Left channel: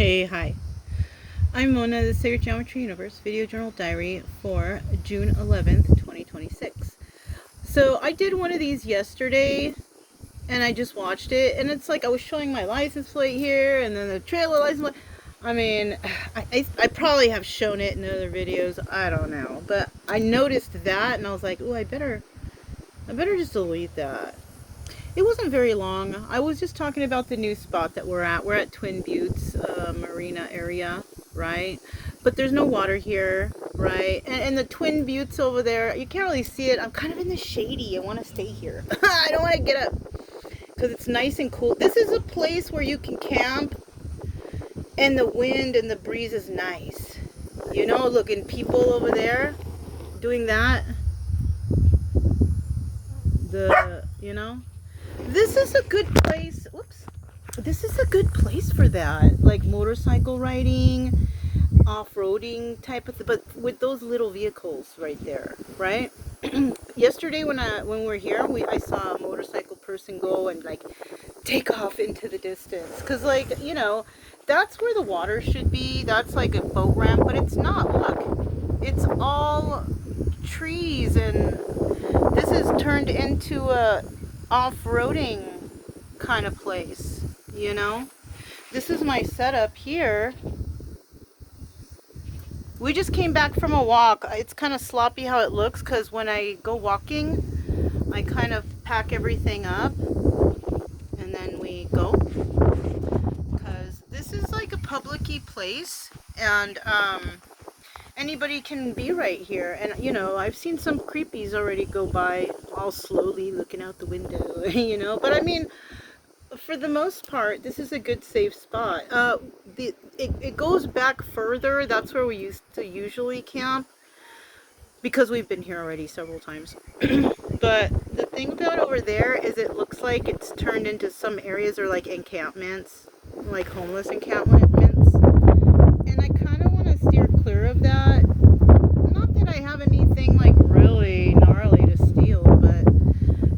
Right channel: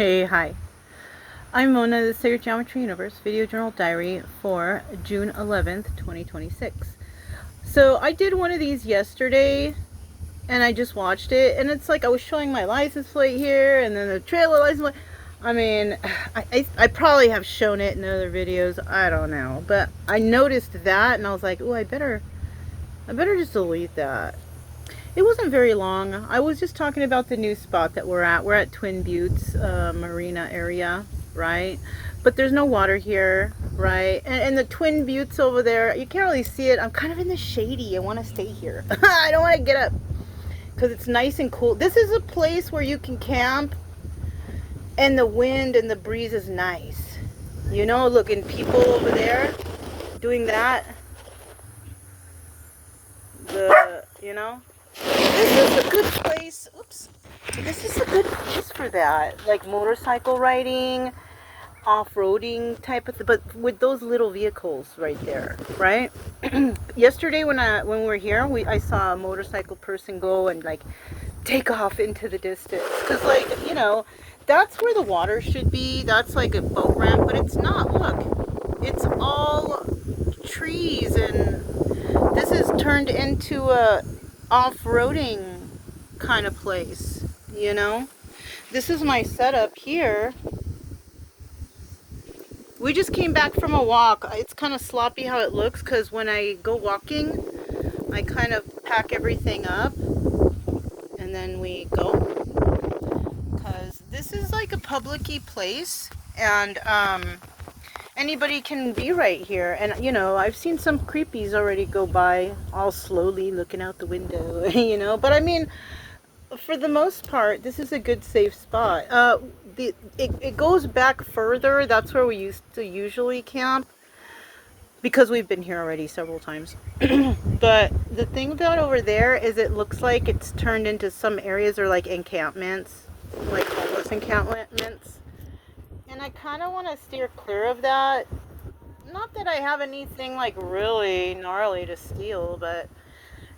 Hey, hi. I'm Mona, the Sacred Geometry Universe Video Journal Diary for June 11th, 2026. So I did one of these yesterday, and I just watched it, and it's like I was showing my license plate here, and then the trailer license plate. I mean, I probably have shown it in other videos, I don't know, but I noticed that, and I was like, oh, I better just delete that. It wasn't very long. I was just talking about the new spot that we're at. We're at Twin Buttes Marina area, right? But there's no water here, right? And the Twin Buttes over there, you can't really see it. I'm kind of in the shady. I want to stay here. I don't want to get up because it's nice and cool. This is a place where you can camp and the wind and the breeze is nice. You know, looking people over there doing that. You know? This is a good place. Oops. This is a good place for that. Like motorcycle riding, off-roading type of thing, but with those little vehicles right there, right? Yesterday when we were here, I saw a motorcycle person go and like take off into the distance. Cause like, you know, that's where the water should be. That's like a boat ramp, but it's not. Look, it's all trees, and this is turned into a off-roading kind of place, you know. This is my setup here. We just came back from a walk. It's kind of sloppy how it looks because when I go walking I kind of pack everything up and then we go, because this is like a public-y place, and anybody can be right here. And you know, I've seen some creepies already go by all slowly looking out the window. You know, but I mean, for the most part, this is a good safe spot. It goes back further. That's where we used to usually camp, because we've been here already several times. But the thing about over there is it looks like it's turned into some areas are like encampments, like homeless encampments. And I kind of want to steer clear of that. Not that I have anything like really gnarly to steal, but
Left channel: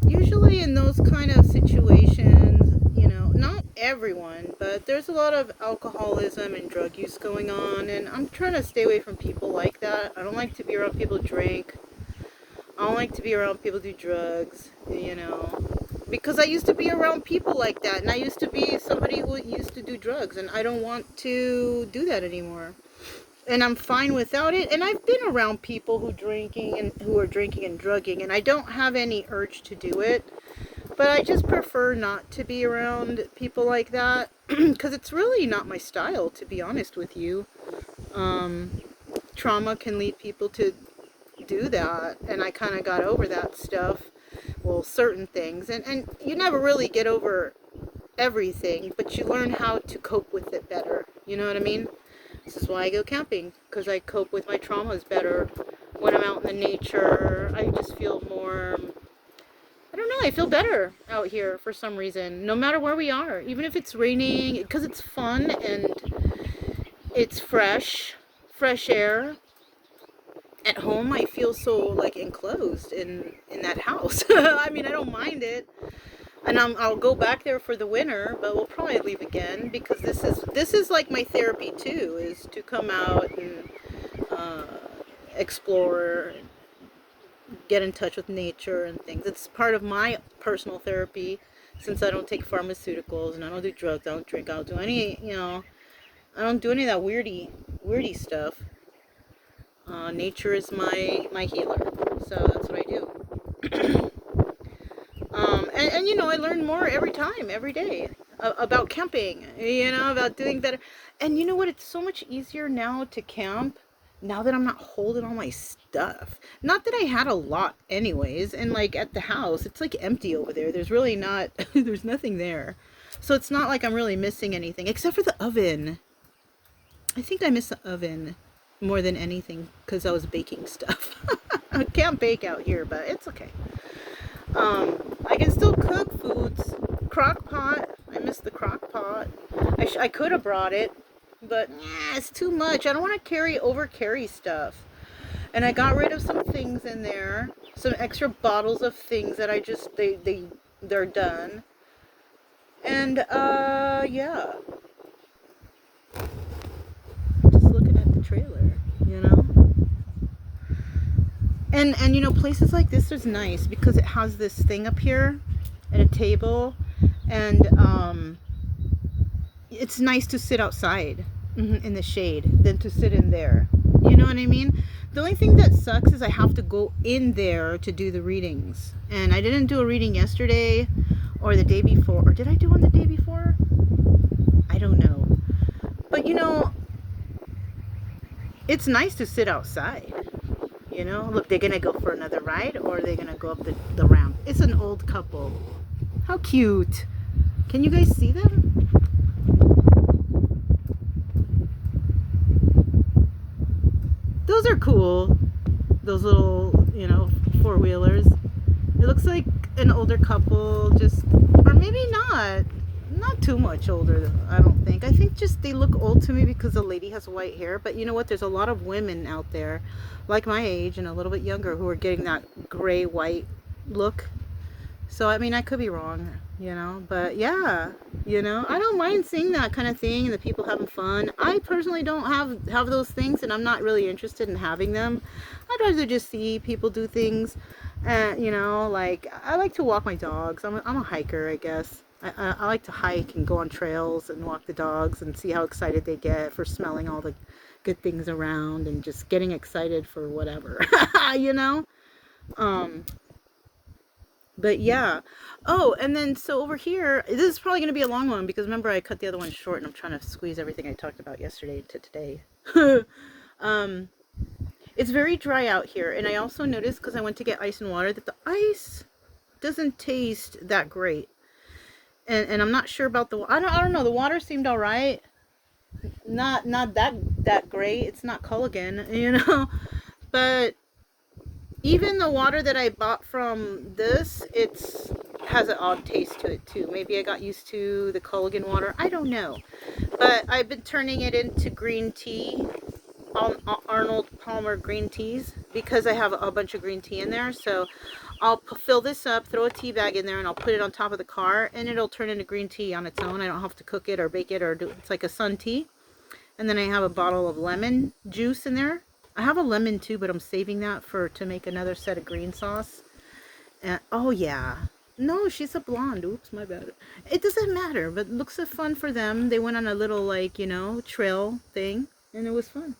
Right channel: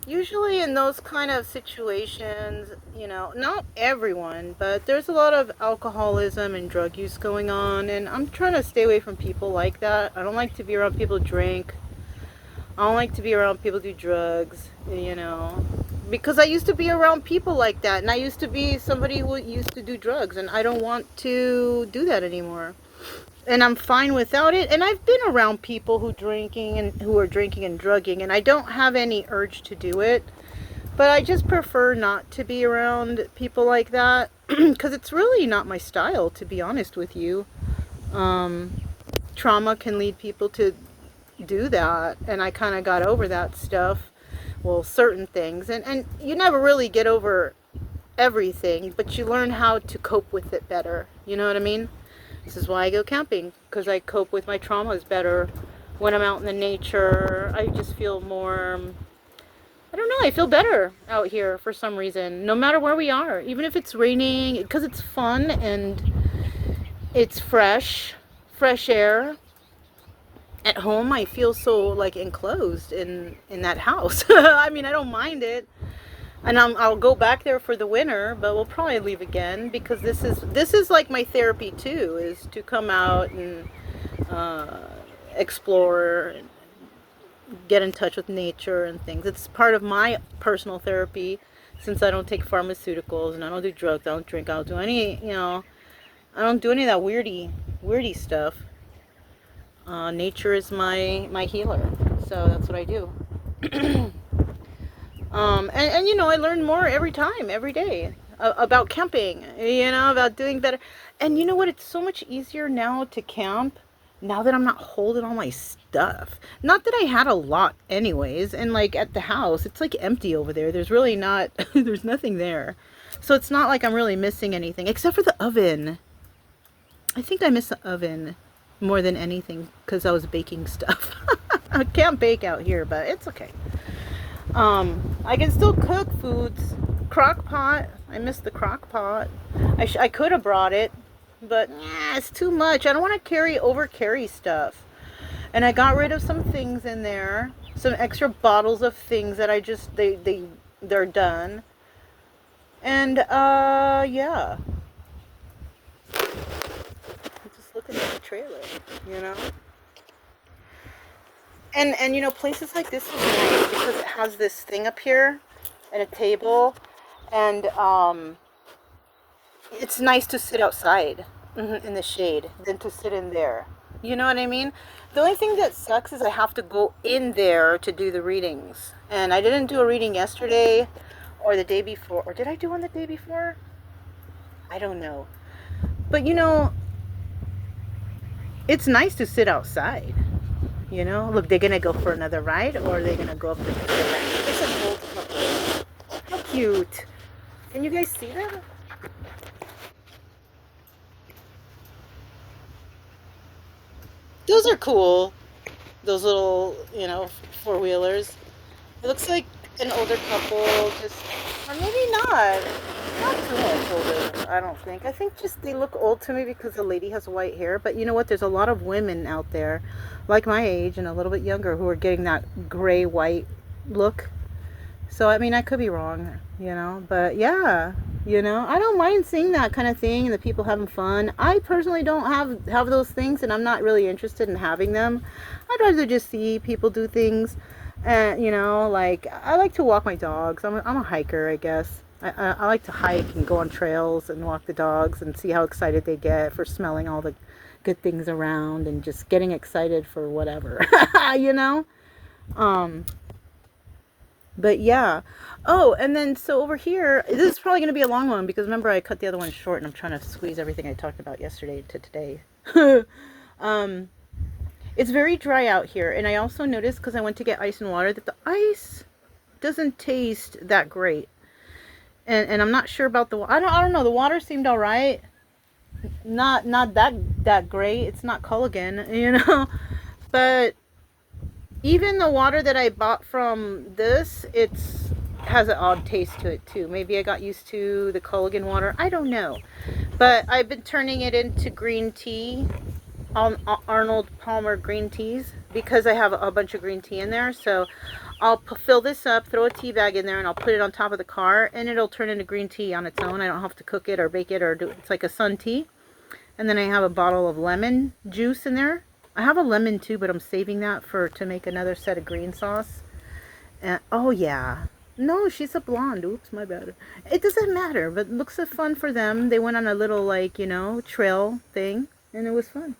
usually in those kind of situations, you know, not everyone, but there's a lot of alcoholism and drug use going on, and I'm trying to stay away from people like that. I don't like to be around people who drink. I don't like to be around people who do drugs, you know, because I used to be around people like that, and I used to be somebody who used to do drugs, and I don't want to do that anymore. And I'm fine without it. And I've been around people who are drinking and drugging, and I don't have any urge to do it. But I just prefer not to be around people like that because it's really not my style, to be honest with you. Trauma can lead people to do that, and I kind of got over that stuff. Well, certain things, and you never really get over everything, but you learn how to cope with it better. You know what I mean? This is why I go camping, because I cope with my traumas better when I'm out in the nature. I just feel more, I don't know, I feel better out here for some reason, no matter where we are, even if it's raining, because it's fun and it's fresh air. At home, I feel so like enclosed in that house. I mean, I don't mind it. And I'll go back there for the winter, but we'll probably leave again, because this is like my therapy too, is to come out and explore, get in touch with nature and things. It's part of my personal therapy, since I don't take pharmaceuticals and I don't do drugs, I don't drink, I don't do any, you know, I don't do any of that weirdy stuff. Nature is my healer, so that's what I do. And you know, I learn more every day about camping, you know, about doing better. And you know what? It's so much easier now to camp now that I'm not holding all my stuff. Not that I had a lot anyways, and like at the house, it's like empty over there. There's really not, there's nothing there. So it's not like I'm really missing anything, except for the oven. I think I miss the oven more than anything because I was baking stuff. I can't bake out here, but it's okay. I can still cook foods. Crock pot. I miss the crock pot. I could have brought it, but it's too much. I don't want to carry stuff. And I got rid of some things in there. Some extra bottles of things that I just, they're done. And, yeah. like a trailer, you know. And you know, places like this is nice because it has this thing up here and a table, and it's nice to sit outside in the shade than to sit in there. You know what I mean? The only thing that sucks is I have to go in there to do the readings. And I didn't do a reading yesterday or the day before. Or did I do one the day before? I don't know. But you know, it's nice to sit outside. You know, look, they're gonna go for another ride, or they're gonna go up the ramp. It's an old couple. How cute! Can you guys see that? Those are cool. Those little, you know, four-wheelers. It looks like an older couple, just, or maybe not. Not too much older, I don't think. I think just they look old to me because the lady has white hair. But you know what? There's a lot of women out there, like my age and a little bit younger, who are getting that gray-white look. So, I mean, I could be wrong, you know. But, yeah, you know, I don't mind seeing that kind of thing and the people having fun. I personally don't have those things, and I'm not really interested in having them. I'd rather just see people do things. You know, like, I like to walk my dogs. I'm a hiker, I guess. I like to hike and go on trails and walk the dogs and see how excited they get for smelling all the good things around and just getting excited for whatever, you know? But yeah. Oh, and then so over here, this is probably going to be a long one because remember I cut the other one short and I'm trying to squeeze everything I talked about yesterday to today. It's very dry out here, and I also noticed because I went to get ice and water that the ice doesn't taste that great. And I'm not sure about the I don't know, the water seemed all right. Not that great. It's not Culligan, you know. But even the water that I bought from this, it's has an odd taste to it too. Maybe I got used to the Culligan water. I don't know. But I've been turning it into green tea, Arnold Palmer green teas, because I have a bunch of green tea in there. So I'll fill this up, throw a tea bag in there, and I'll put it on top of the car, and it'll turn into green tea on its own. I don't have to cook it or bake it or do it's like a sun tea. And then I have a bottle of lemon juice in there. I have a lemon too, but I'm saving that to make another set of green sauce. And oh yeah. No, she's a blonde. Oops, my bad. It doesn't matter, but it looks so fun for them. They went on a little, like, you know, trail thing, and it was fun.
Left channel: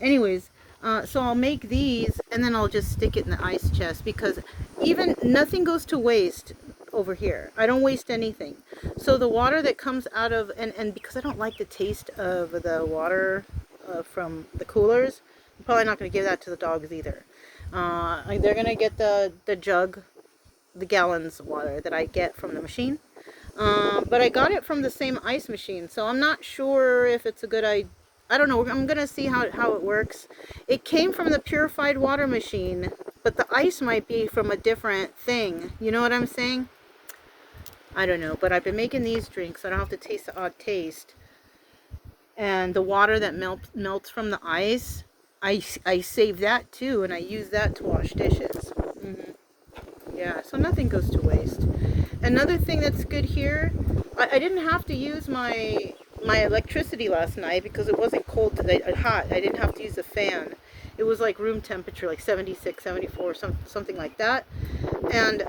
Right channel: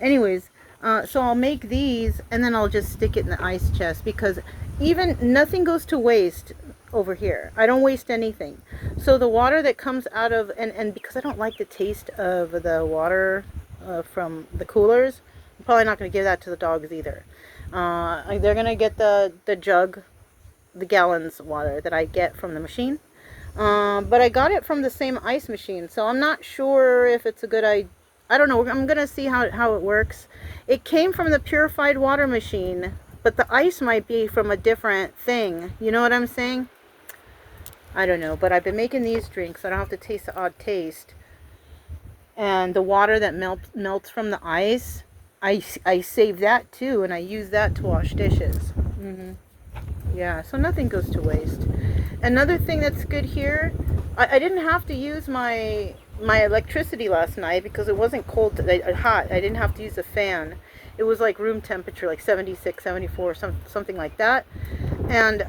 Anyways, so I'll make these, and then I'll just stick it in the ice chest, because even nothing goes to waste over here. I don't waste anything. So the water that comes out of, and because I don't like the taste of the water from the coolers, I'm probably not going to give that to the dogs either. They're going to get the jug, the gallons of water that I get from the machine. But I got it from the same ice machine, so I'm not sure if it's a good idea. I don't know. I'm going to see how it works. It came from the purified water machine, but the ice might be from a different thing. You know what I'm saying? I don't know, but I've been making these drinks, so I don't have to taste the odd taste. And the water that melts from the ice, I save that too, and I use that to wash dishes. Yeah, so nothing goes to waste. Another thing that's good here, I didn't have to use my electricity last night because it wasn't cold, hot. I didn't have to use a fan. It was like room temperature, like 76, 74, something like that. And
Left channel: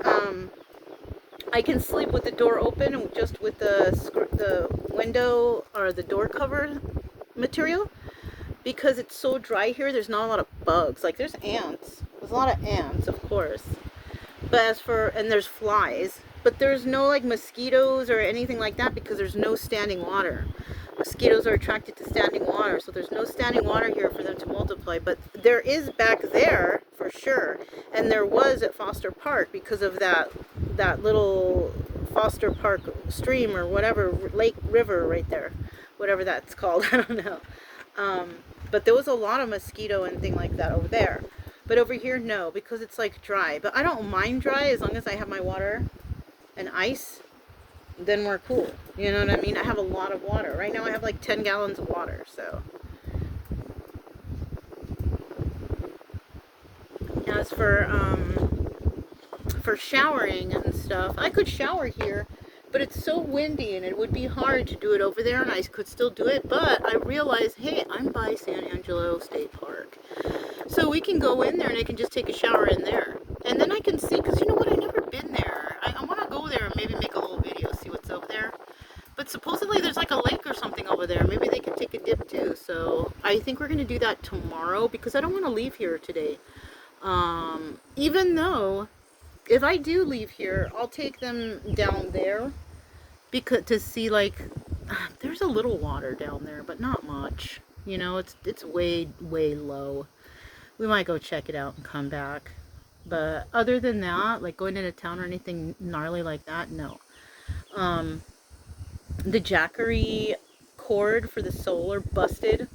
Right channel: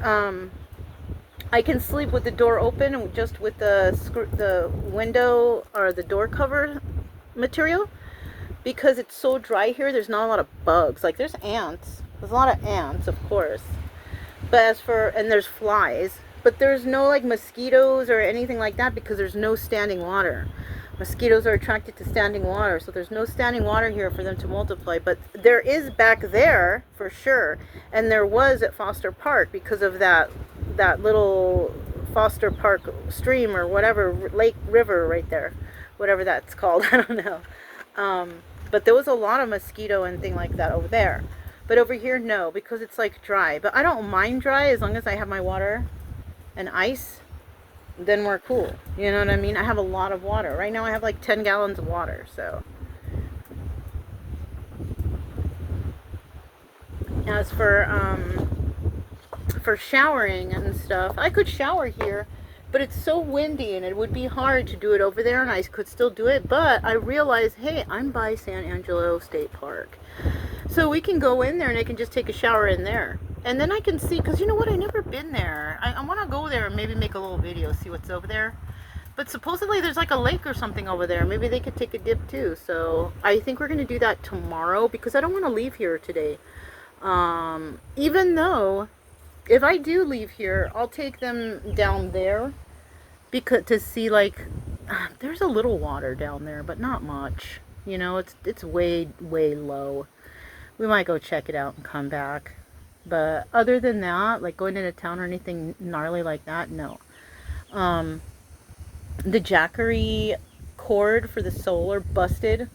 I can sleep with the door open and just with the window or the door cover material, because it's so dry here. There's not a lot of bugs. Like, there's ants. There's a lot of ants, of course. But and there's flies. But there's no, like, mosquitoes or anything like that because there's no standing water. Mosquitoes are attracted to standing water, so there's no standing water here for them to multiply. But there is back there, for sure. And there was at Foster Park because of that little Foster Park stream or whatever, river right there. Whatever that's called, I don't know. But there was a lot of mosquito and thing like that over there. But over here, no, because it's like dry. But I don't mind dry as long as I have my water and ice, then we're cool. You know what I mean? I have a lot of water. Right now I have like 10 gallons of water, so. As for showering and stuff, I could shower here. But it's so windy and it would be hard to do it over there, and I could still do it, but I realized, hey, I'm by San Angelo State Park. So we can go in there and I can just take a shower in there. And then I can see, because you know what, I've never been there. I want to go there and maybe make a little video, see what's over there. But supposedly there's like a lake or something over there. Maybe they could take a dip too. So I think we're going to do that tomorrow because I don't want to leave here today. Even though if I do leave here, I'll take them down there because to see like there's a little water down there, but not much. You know, it's way low. We might go check it out and come back. But other than that, like going into town or anything gnarly like that, no. The Jackery cord for the solar busted.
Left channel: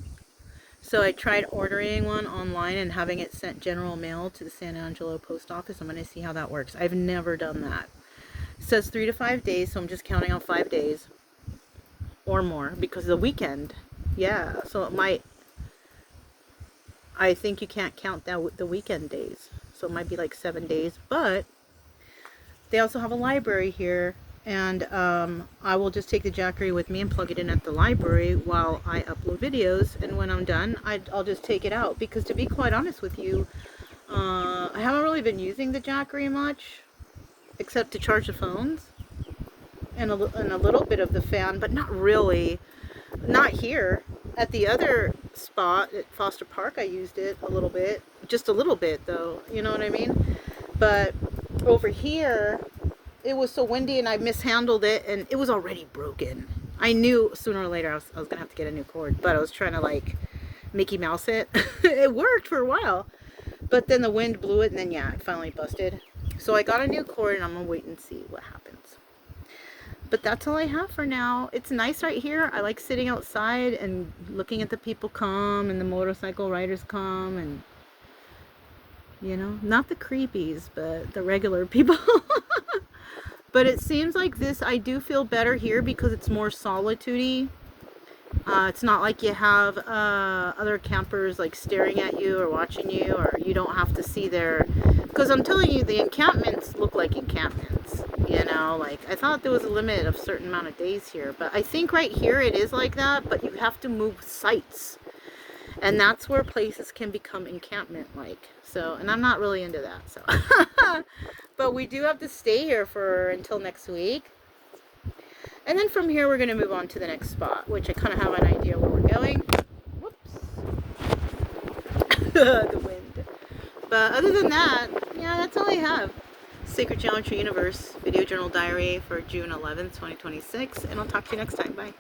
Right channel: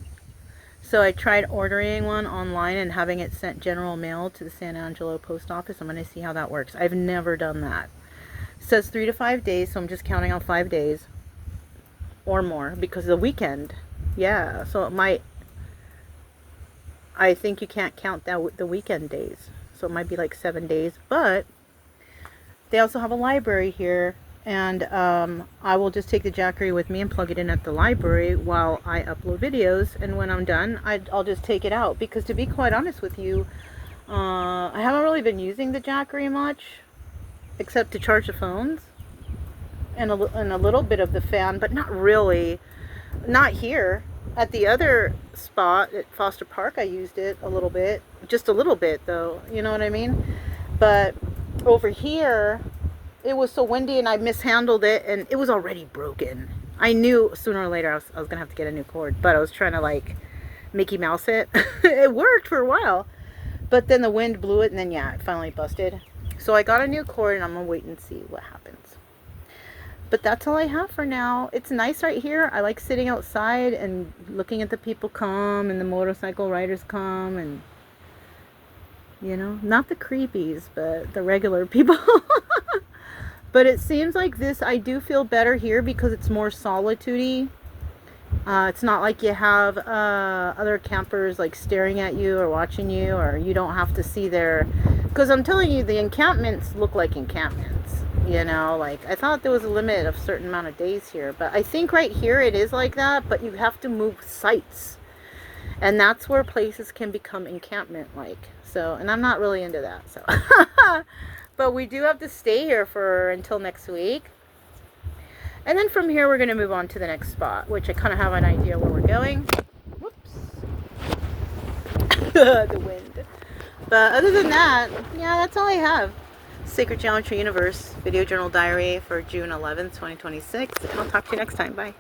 So I tried ordering one online and having it sent general mail to the San Angelo post office. I'm going to see how that works. I've never done that. It says 3 to 5 days, so I'm just counting on 5 days or more because of the weekend. Yeah, so it might, I think you can't count that the weekend days. So it might be like 7 days, but they also have a library here, and I will just take the Jackery with me and plug it in at the library while I upload videos, and when I'm done, I'll just take it out, because to be quite honest with you, I haven't really been using the Jackery much, except to charge the phones, and a little bit of the fan, but not really, not here. At the other spot at Foster Park, I used it a little bit, just a little bit though, you know what I mean? But over here, it was so windy and I mishandled it and it was already broken. I knew sooner or later I was gonna have to get a new cord, but I was trying to like Mickey Mouse it. It worked for a while, but then the wind blew it and then yeah, it finally busted. So I got a new cord and I'm gonna wait and see what happens. But that's all I have for now. It's nice right here. I like sitting outside and looking at the people come and the motorcycle riders come, and you know, not the creepies, but the regular people. But it seems like this, I do feel better here because it's more solitude-y. It's not like you have other campers like staring at you or watching you, or you don't have to see their, because I'm telling you, the encampments look like encampments, you know, like I thought there was a limit of a certain amount of days here, but I think right here it is like that, but you have to move sites, and that's where places can become encampment like. So, and I'm not really into that, so but we do have to stay here for until next week. And then from here, we're going to move on to the next spot, which I kind of have an idea where we're going. Whoops. The wind. But other than that, yeah, that's all I have. Sacred Geometry Universe Video Journal Diary for June 11th, 2026. And I'll talk to you next time. Bye.